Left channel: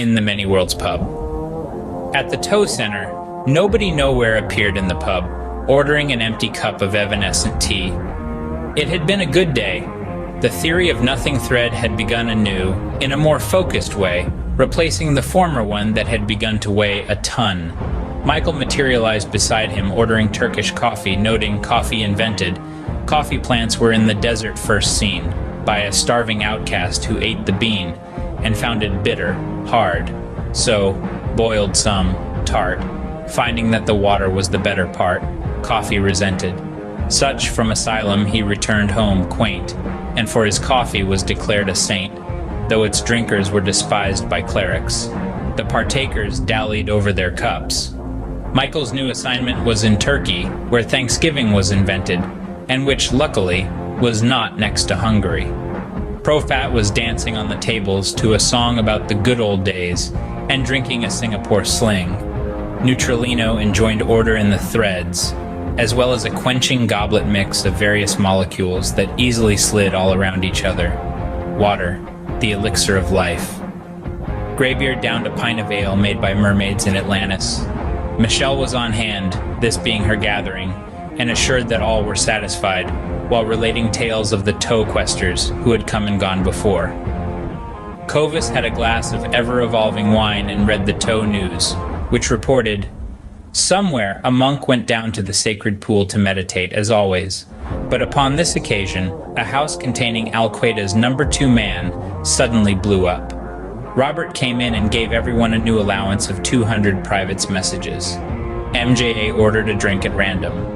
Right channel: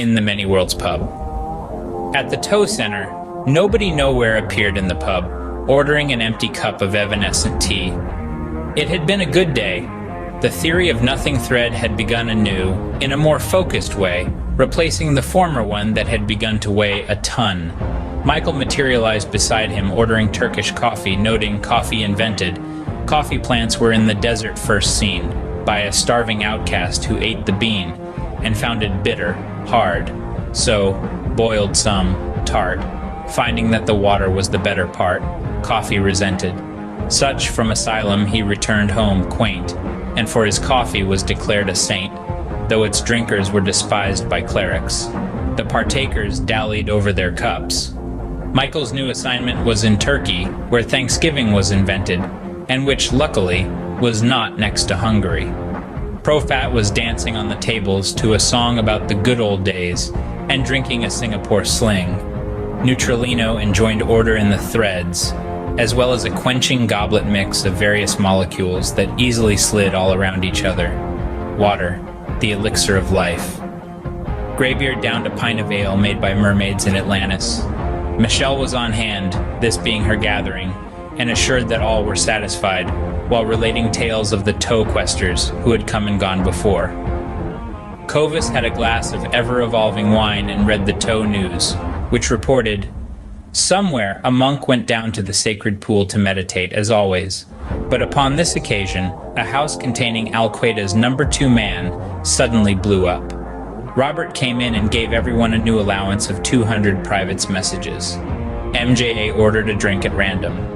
in the Many Worlds pub. At the tow center, nobody nowhere appeared in the pub, ordering an empty cup of evanescent tea. It had been a good day. The theory of nothing thread had begun anew, in a more focused way, replacing the former one that had begun to weigh a ton. Michael materialized beside him, ordering Turkish coffee, noting coffee invented. Coffee plants were in the desert first seen, by a starving outcast who ate the bean, and found it bitter, hard. So, boiled some, tart. Finding that the water was the better part, coffee resented. Such from asylum he returned home quaint, and for his coffee was declared a saint, though its drinkers were despised by clerics. The partakers dallied over their cups. Michael's new assignment was in Turkey, where Thanksgiving was invented, and which, luckily, was not next to Hungary. Profat was dancing on the tables to a song about the good old days, and drinking a Singapore sling. Neutralino enjoined order in the threads, as well as a quenching goblet mix of various molecules that easily slid all around each other. Water, the elixir of life. Greybeard downed a pint of ale made by mermaids in Atlantis. Michelle was on hand, this being her gathering, and assured that all were satisfied, while relating tales of the tow questers who had come and gone before. Covis had a glass of ever-evolving wine and read the tow news, which reported, "Somewhere a monk went down to the sacred pool to meditate, as always. But upon this occasion, a house containing Al-Qaeda's #2 man suddenly blew up. Robert came in and gave everyone a new allowance of 200 private messages. MJA ordered a drink at random,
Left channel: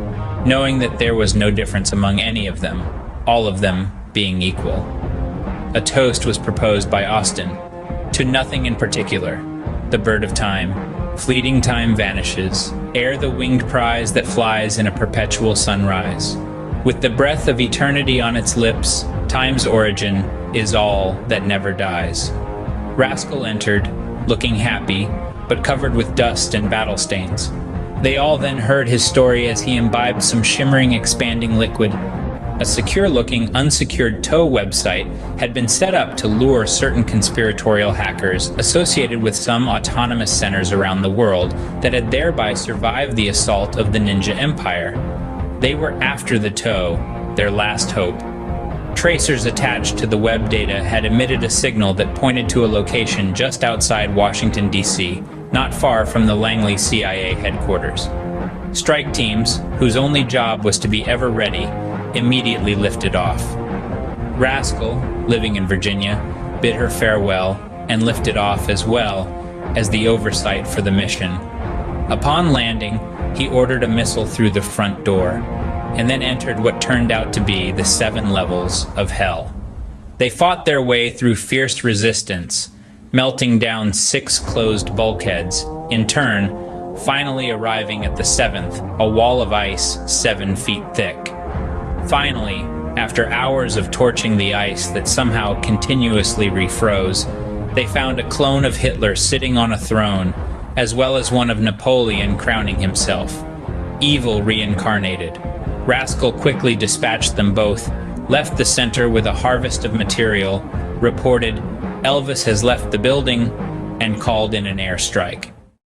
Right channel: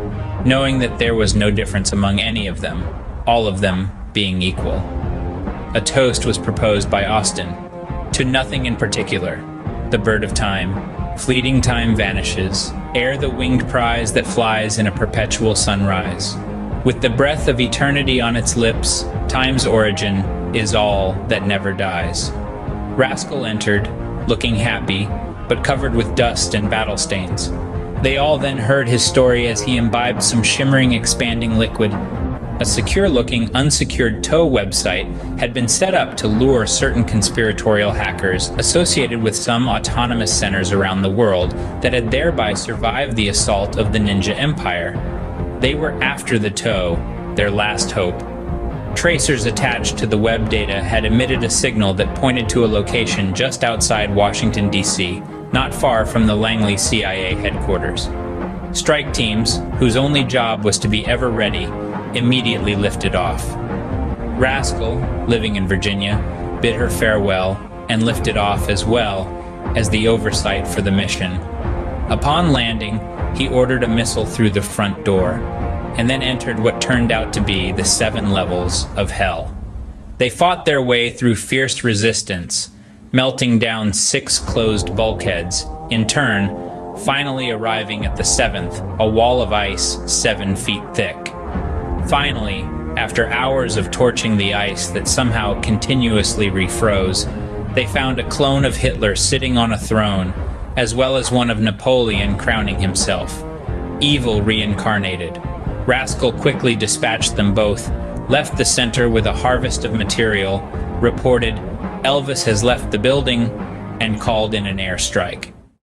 knowing that there was no difference among any of them, all of them being equal. A toast was proposed by Austin, to nothing in particular, the bird of time. Fleeting time vanishes, ere the winged prize that flies in a perpetual sunrise. With the breath of eternity on its lips, time's origin is all that never dies." Rascal entered, looking happy, but covered with dust and battle stains. They all then heard his story as he imbibed some shimmering, expanding liquid. A secure-looking, unsecured tow website had been set up to lure certain conspiratorial hackers associated with some autonomous centers around the world that had thereby survived the assault of the Ninja Empire. They were after the tow, their last hope. Tracers attached to the web data had emitted a signal that pointed to a location just outside Washington, D.C., not far from the Langley CIA headquarters. Strike teams, whose only job was to be ever ready, immediately lifted off. Rascal, living in Virginia, bid her farewell and lifted off as well as the oversight for the mission. Upon landing, he ordered a missile through the front door, and then entered what turned out to be the 7 levels of hell. They fought their way through fierce resistance, melting down 6 closed bulkheads, in turn, finally arriving at the 7th, a wall of ice 7 feet thick. Finally, after hours of torching the ice that somehow continuously refroze, they found a clone of Hitler sitting on a throne, as well as one of Napoleon crowning himself. Evil reincarnated. Rascal quickly dispatched them both, left the center with a harvest of material, reported Elvis has left the building, and called in an airstrike.